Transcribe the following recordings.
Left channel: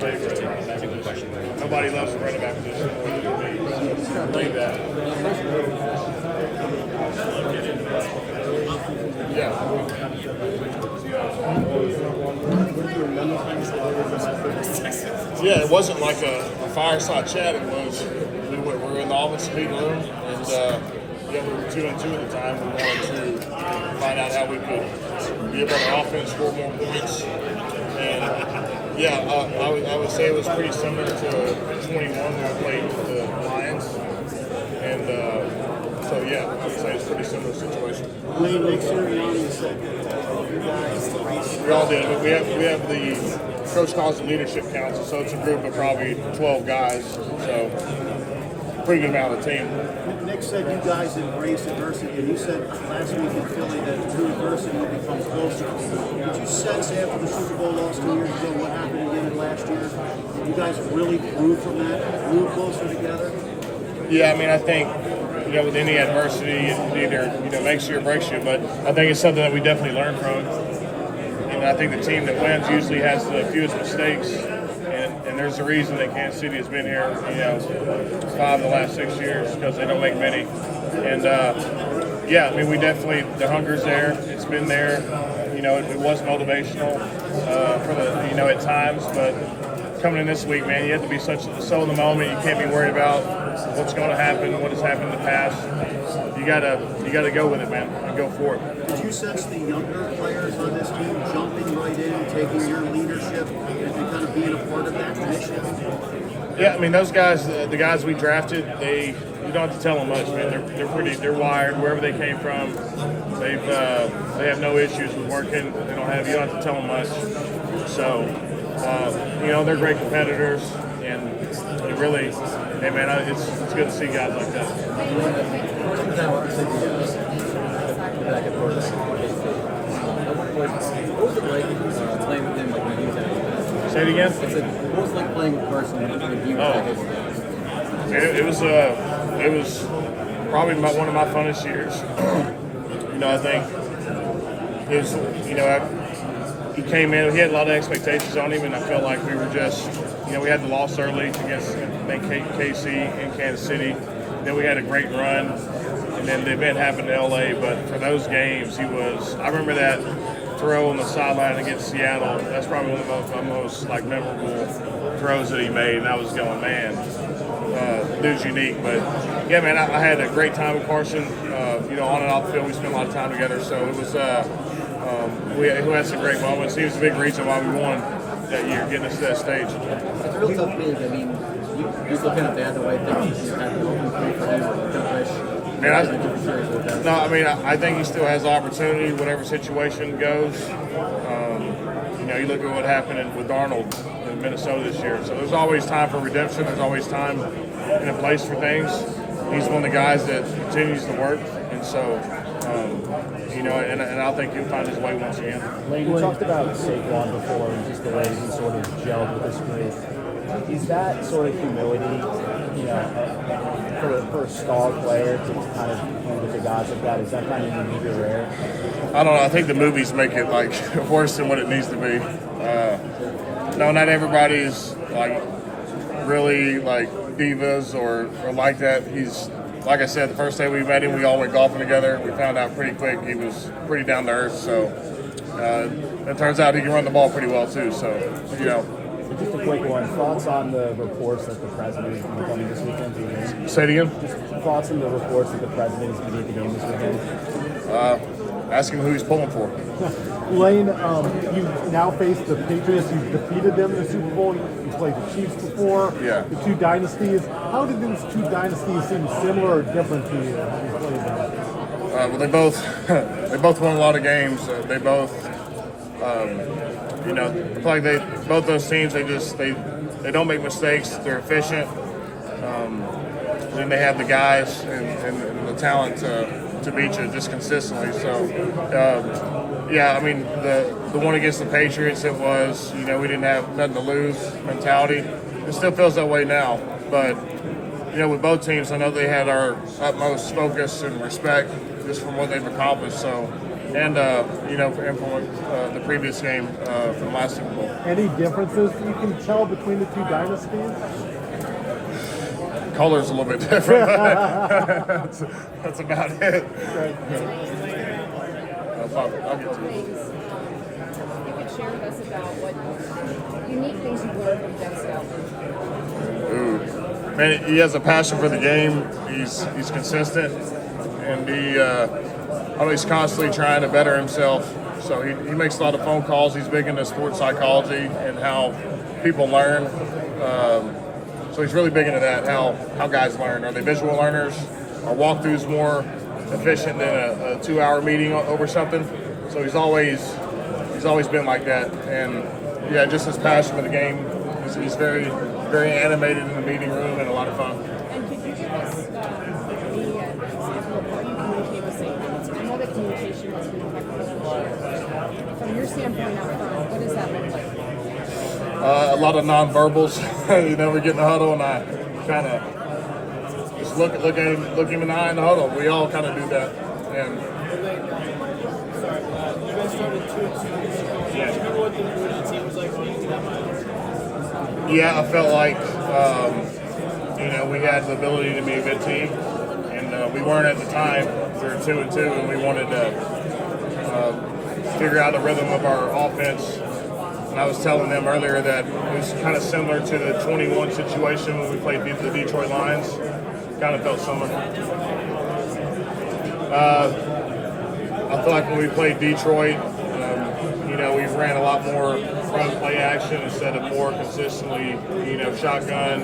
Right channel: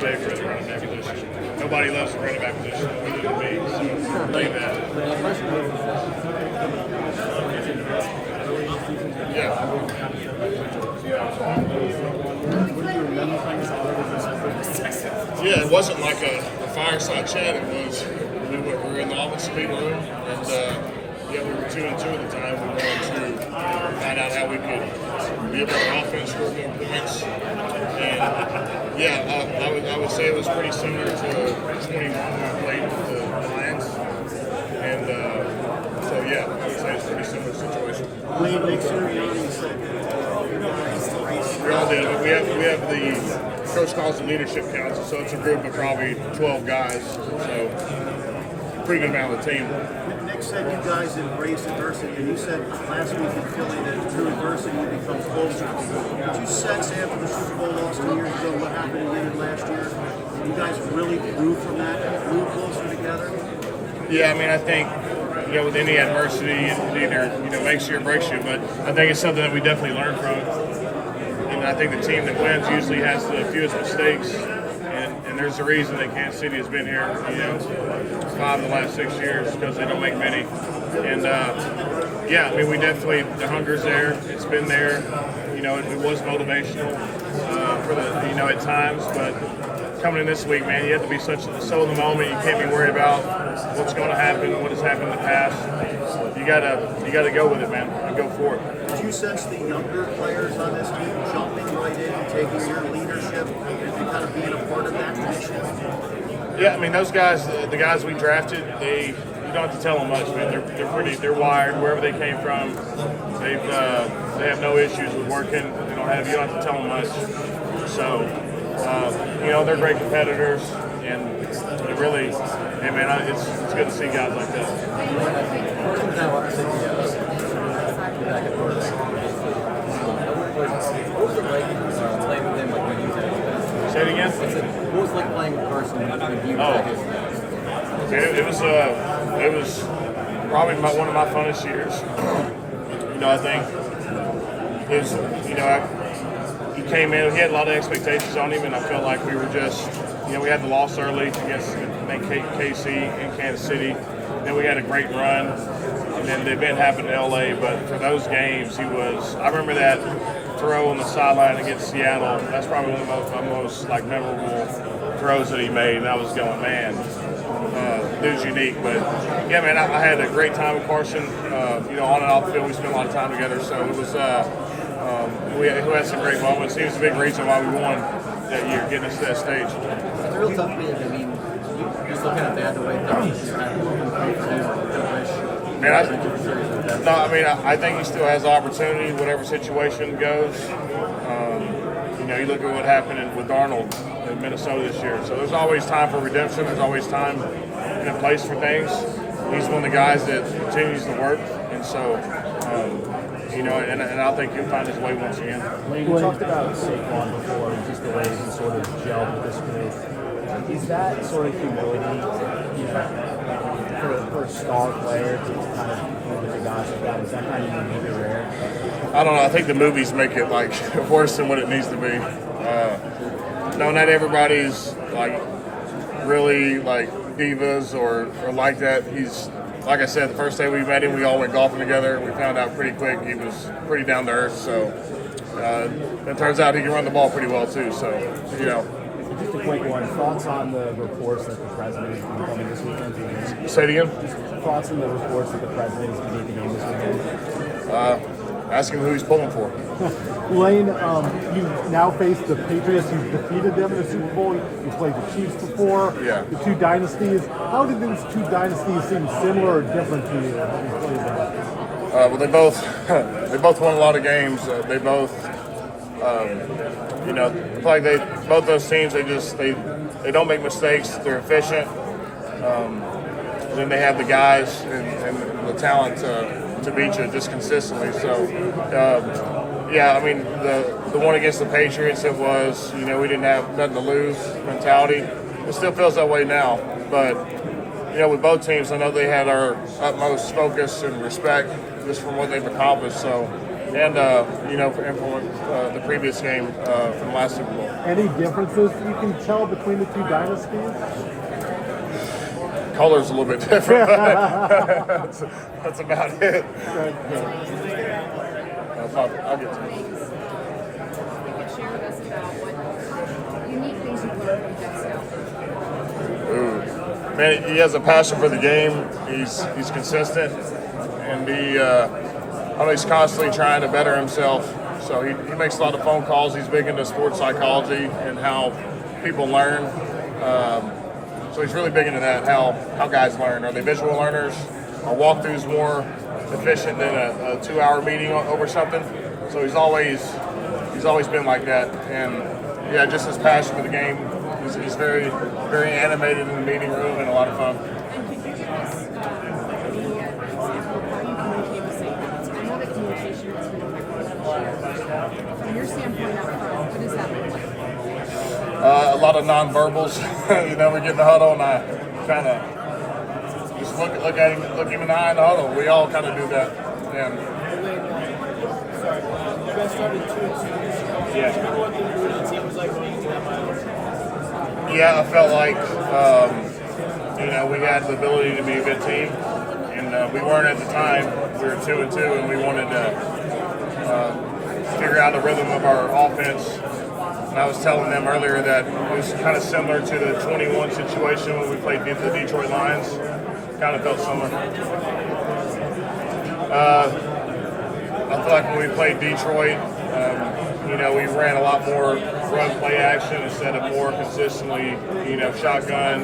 favorite running back position. Nobody loves the running back position more than me, so believe that. Yeah. Yeah, it wasn't like a fireside chat. It was we were in the offensive meeting room, and we were 2-2 at the time. We wanted to find out how we could be able to offense, score more points, and I would say it was pretty similar to 21 when we played with the Lions, and so yeah, I would say it's a pretty similar situation. Lane, next year, you said we all did. We have the coach calls the leadership council, so it's a group of probably 12 guys. So pretty good amount of the team. Nick said you guys embrace adversity, and you said last week in Philly that through adversity you become closer. Did you sense after the Super Bowl loss 2 years ago what happened again last year? Did you guys really grew from that, grew closer together? Yeah, I mean, I think with any adversity, it either makes you or breaks you. But I think it's something that we definitely learn from. And I think the team that wins usually has the fewest mistakes. And there's a reason that Kansas City has been here, 5 of the last 6 years, because they don't make many. And I mean, we definitely, the hunger's there. It's been there. It was motivational for the, at times, but coming in this week, man, you have to be so in the moment. You can't be worried about what's going to happen, what has happened in the past. You gotta go with it, man, and go for it. Did you sense the younger players on this team jumping right in, taking your leadership, and kind of being a part of that mission? Yeah, I mean, those guys, the guys we drafted, you don't have to tell them much, man. They're wired wherever they came from. They have no issues with working. You don't have to tell them much. So. They're great competitors, and it really, hey man, it's good to see guys like that. What was it like playing with him when he was at his best? Say it again? What was it like playing in person when he was at his best? It was probably one of my funnest years. I think it was, he came in, he had a lot of expectations on him, and I felt like we were just, we had the loss early against KC in Kansas City. Then we had a great run, and then the event happened in LA. But for those games, I remember that throw on the sideline against Seattle. That's probably one of my most memorable throws that he made. And I was going, man, dude's unique. But yeah, man, I had a great time with Carson. On and off the field, we spent a lot of time together. So it was. We had some great moments. He was a big reason why we won that year, getting us to that stage. It's a real tough league. I mean, you still kind of bad the way things had to open for him. I think he still has opportunity, whatever situation goes. You look at what happened with Darnold in Minnesota this year. So there's always time for redemption. There's always time and a place for things. He's one of the guys that continues to work, and so. And I think he'll find his way once again. Lane, you talked about Saquon before and just the way he sort of gelled with this group. Is that sort of humility, for a star player to kind of be with the guys like that? Is that kind of unique or rare? I don't know. I think the movies make it worse than what it needs to be. No, not everybody's really divas or like that. He's. Like I said, the first day we met him, we all went golfing together. We found out pretty quick he was pretty down to earth. So it turns out he can run the ball pretty well too. So, Just a quick one. Thoughts on the reports that the president is going to be coming this weekend to the game? Say it again? Just thoughts on the reports that the president is going to be at the game this weekend? Ask him who he's pulling for. Lane, you now face the Patriots. You've defeated them in the Super Bowl. You played the Chiefs before. Yeah. The two dynasties. How did these two dynasties seem similar or different to you? Have you played them? Well, they both won a lot of games. They both, both those teams. They don't make mistakes. They're efficient. Then they have the guys and the talent to beat you just consistently. So, I mean, the one against the Patriots, it was, we didn't have nothing to lose mentality. It still feels that way now. But, with both teams, I know they had our utmost focus and respect just from what they've accomplished. So, and from the previous game from last Super Bowl. Any differences you can tell between the two dynasties? Color's a little bit different. That's about it. I'll get to it. You could share with us about what unique things you've learned from Jeff Scott. Man, he has a passion for the game. He's consistent, and he's constantly trying to better himself. So he makes a lot of phone calls. He's big into sports psychology and how people learn. So he's really big into that, how guys learn. Are they visual learners? Are walkthroughs more efficient than a 2-hour meeting over something? So he's always been like that. And yeah, just his passion for the game. He's very, very animated in the meeting room and a lot of fun. And could you give us the example of how you communicate with safeties? I know that communication has been effective this year. From your standpoint out front, what does that look like? A lot of nonverbals. We get in the huddle and I kind of just look him in the eye in the huddle. We all kind of do that. Yeah. You guys started 2-2. Yeah. Remember what the mood of the team was like when you did that? Yeah, I felt like we had the ability to be a good team, and we weren't at the time. We were 2-2, and we wanted to figure out the rhythm of our offense. And I was telling them earlier that it was kind of similar to the 21 situation when we played the Detroit Lions. Kind of felt similar. I feel like when we played Detroit, we ran a lot more run play action instead of more consistently, shotgun,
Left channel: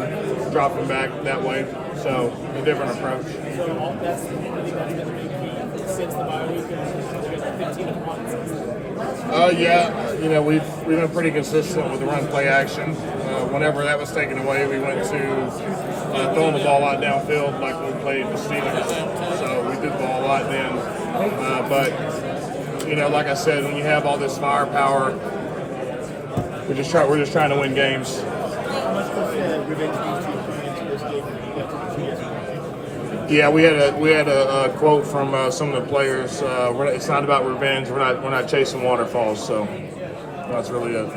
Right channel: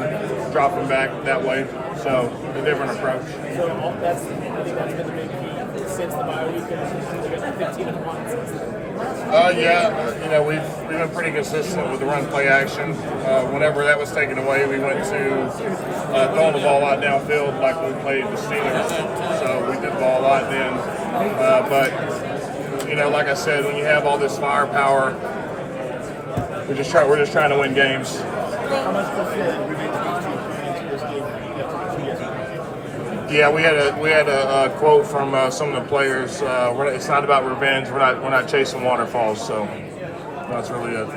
dropping back that way. So a different approach. So that's been the big key since the bye week and 15-1. We've been pretty consistent with the run play action. Whenever that was taken away, we went to throwing the ball out downfield like we played the Steelers. So we did the ball a lot then. But like I said, when you have all this firepower, we're just trying to win games. How much revenge do you plan into this game after the 2 years? Yeah, we had a quote from some of the players. It's not about revenge. We're not chasing waterfalls. So that's really it.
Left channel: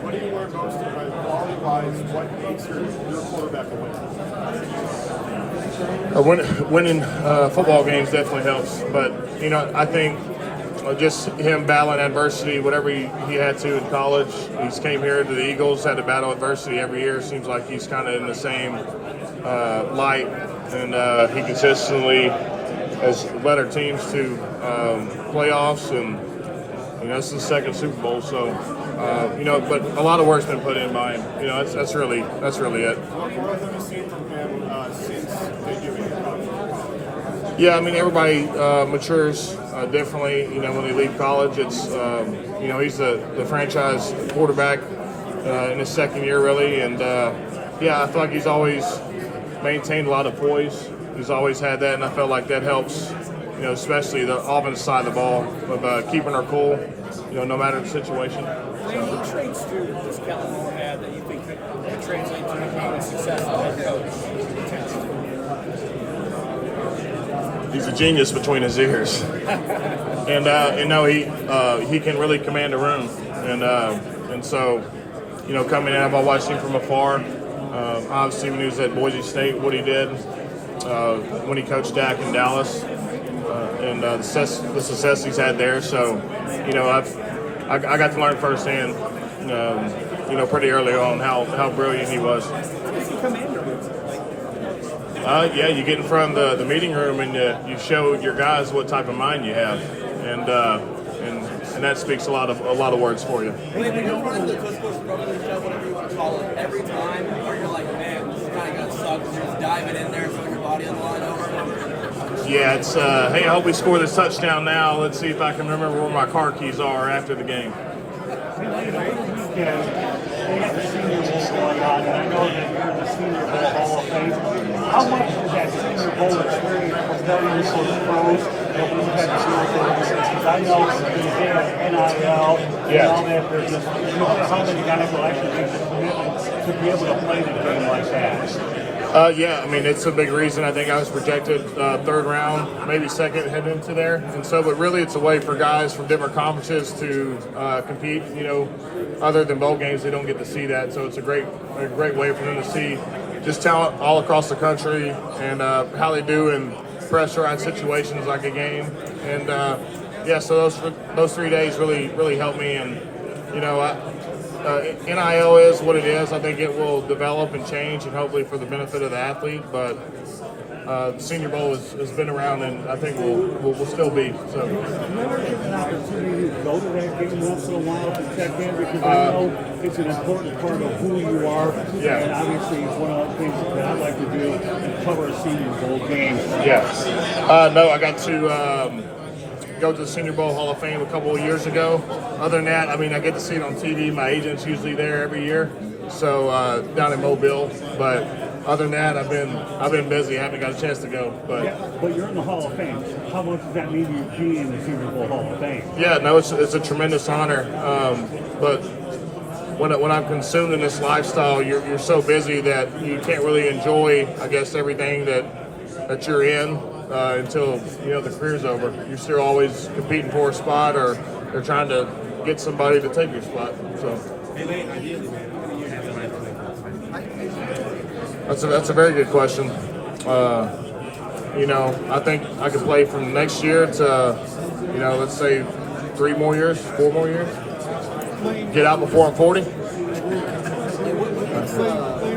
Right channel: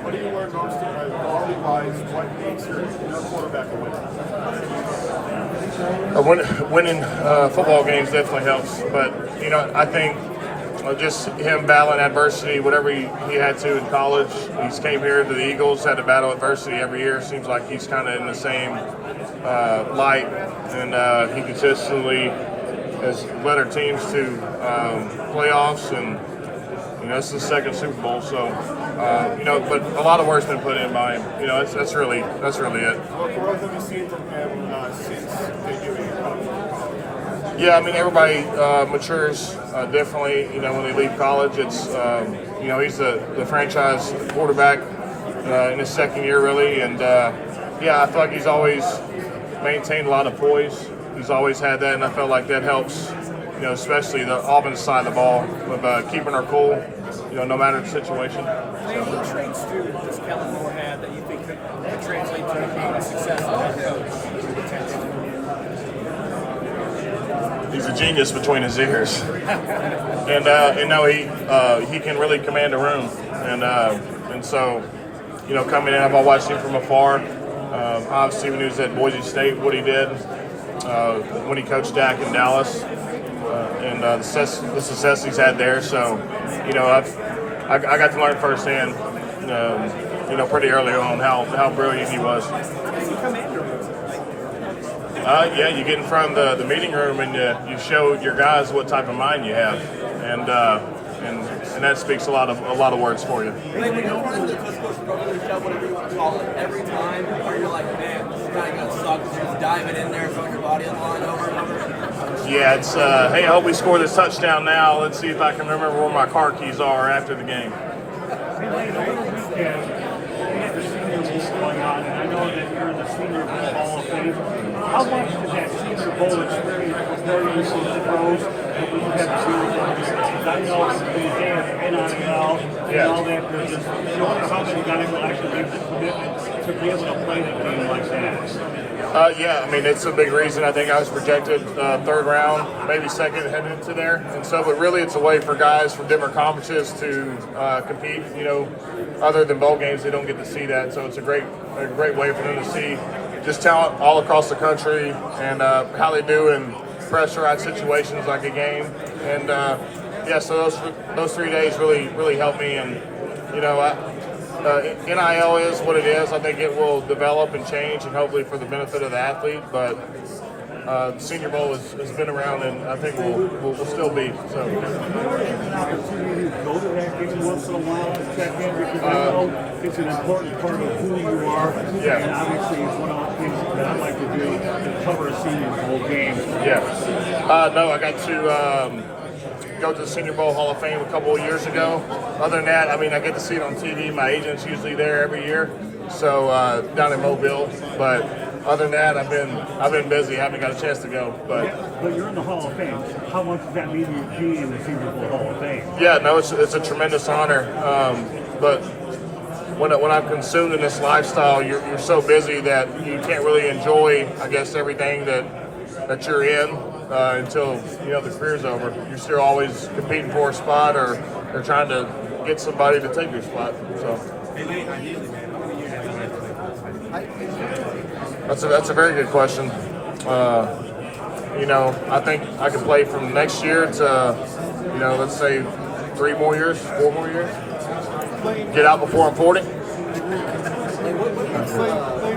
What do you learn most quality-wise? What makes your quarterback a winner? Winning football games definitely helps, but I think just him battling adversity, whatever he had to in college. He came here to the Eagles, had to battle adversity every year. Seems like he's kind of in the same light, and he consistently has led our teams to playoffs, and it's the second Super Bowl. So but a lot of work's been put in by him. That's really it. What have you seen from him since debuting in college? Yeah, I mean everybody matures differently. When they leave college, it's he's the franchise quarterback in his second year really, and I feel like he's always maintained a lot of poise. He's always had that, and I felt like that helps. Especially the offensive side of the ball, with keeping our cool. No matter the situation. What traits does Kellen Moore have that you think could translate to being a successful head coach? He's a genius between his ears, and he can really command a room, and so coming in, I've watched him from afar. Obviously, when he was at Boise State, what he did when he coached Dak in Dallas, and the success he's had there. So I got to learn firsthand, pretty early on how brilliant he was. You get in front of the meeting room and you show your guys what type of mind you have, and that speaks a lot of words for you. Like, we don't run the push brotherly shove, whatever you want to call it, every time, or you're like, man, this is kind of gonna suck. You're just diving in there, throwing your body on the line over and over. Yeah, it's hey, I hope we score this touchdown now. Let's see if I can remember where my car keys are after the game. Going on, and I know that you're the senior Hall of Fame. How much of that senior bowl experience was there in those pros what we've had to deal with? Because I know these days, NIL, and all that, they're just showing how many guys will actually make the commitment to be able to play the game like that. Yeah, I mean, it's a big reason. I think I was projected third round, maybe second heading into there. And so, but really it's a way for guys from different conferences to compete, you know, other than bowl games, they don't get to see that. So it's a great way for them to see just talent all across the country and how they do in pressurized situations like a game. And yeah, so those 3 days really helped me. And, you know, NIL is what it is. I think it will develop and change, and hopefully for the benefit of the athlete. But the Senior Bowl has been around, and I think will still be. So. An opportunity to go to that game once in a while to check in, because I know it's an important part of who you are. Yeah. And obviously, it's one of the things that I like to do to cover a Senior Bowl game. Yeah. No, I got to go to the Senior Bowl Hall of Fame a couple of years ago. Other than that, I mean, I get to see it on TV. My agent's usually there every year, so down in Mobile. But other than that, I've been busy. I haven't got a chance to go. But Yeah, but you're in the Hall of Fame. How much does that mean to you being in the Senior Bowl Hall of Fame? yeah, no, it's a tremendous honor. But when I'm consumed in this lifestyle, you're so busy that you can't really enjoy, I guess, everything that you're in until you know the career's over. You're still always competing for a spot, or trying to get somebody to take your spot. So that's a very good question. You know, I think I could play from next year to, you know, let's say 4 more years. Get out before I'm 40. What do you